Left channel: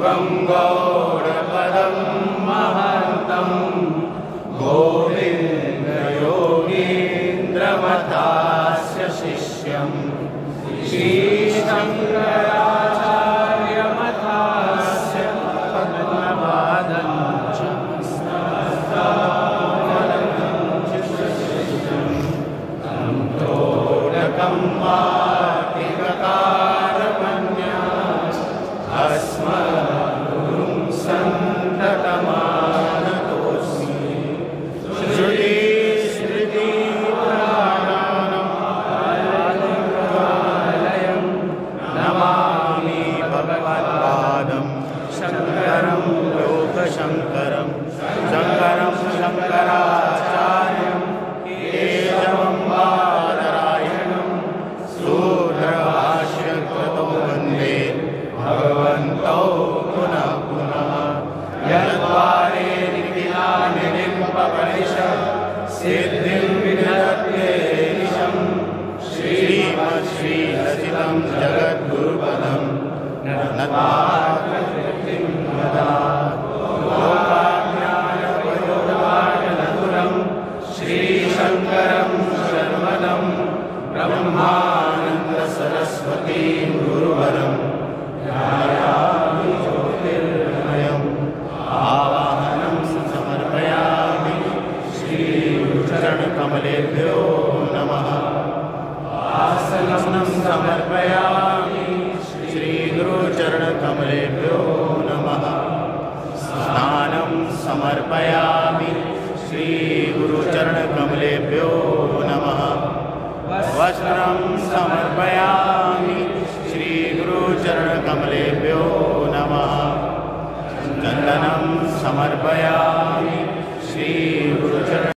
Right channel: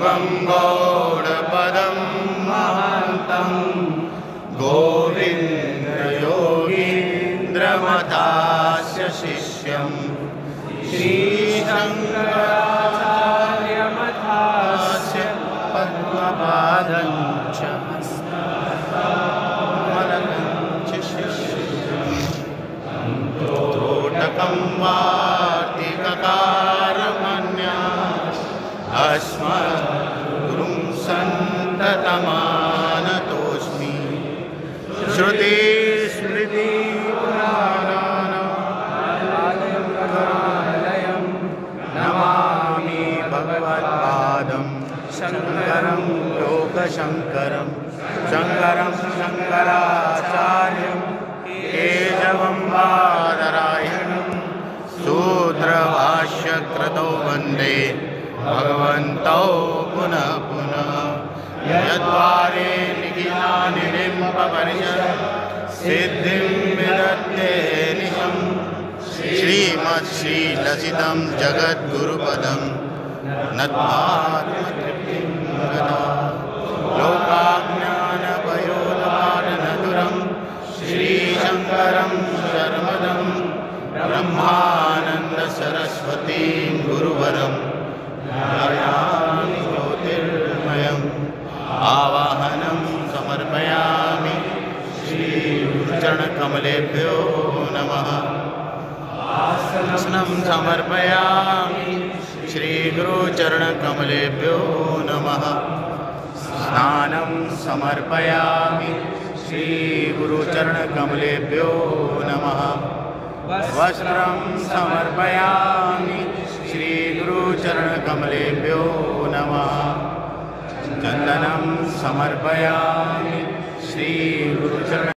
युगं गौडपदं महान्तं गोविन्दयोगीन्द्रमथास्य शिष्यं श्रीशङ्कराचार्यमथास्य पद्मपादं च तोटकं वाटिककारमन्या अस्मद्गुरुं सन्ततमानतोऽस्मि श्रुतिस्मृतिपुराणानामालयं नमामि भगवत्पादं शङ्करं लोकशङ्करं शङ्करं शङ्कराचार्यं केशवं बादरायणं सूत्रभाष्यकृतो वन्दे भगवन्तौ पुनः पुनः यद्वारे निखिलानिडिम्बपरिषत् सिद्धिं विदत्ते निशं श्रीमत्श्रीलसितं जगद्गुरुपदं नत्वाकृतिं लोकाज्ञानवयोधारणगुरुं श्रीशङ्करं शर्मदं ब्रह्मानन्दसरस्वतीं गुरुवरं ज्योतिर्मयम् आवाहनं समर्पयामि श्रीचरणकमलेभ्यो नमः आसनं समर्पयामि श्रीगुरुचरणकमलेभ्यो नमः स्नानं समर्पयामि श्रीगुरुचरणकमलेभ्यो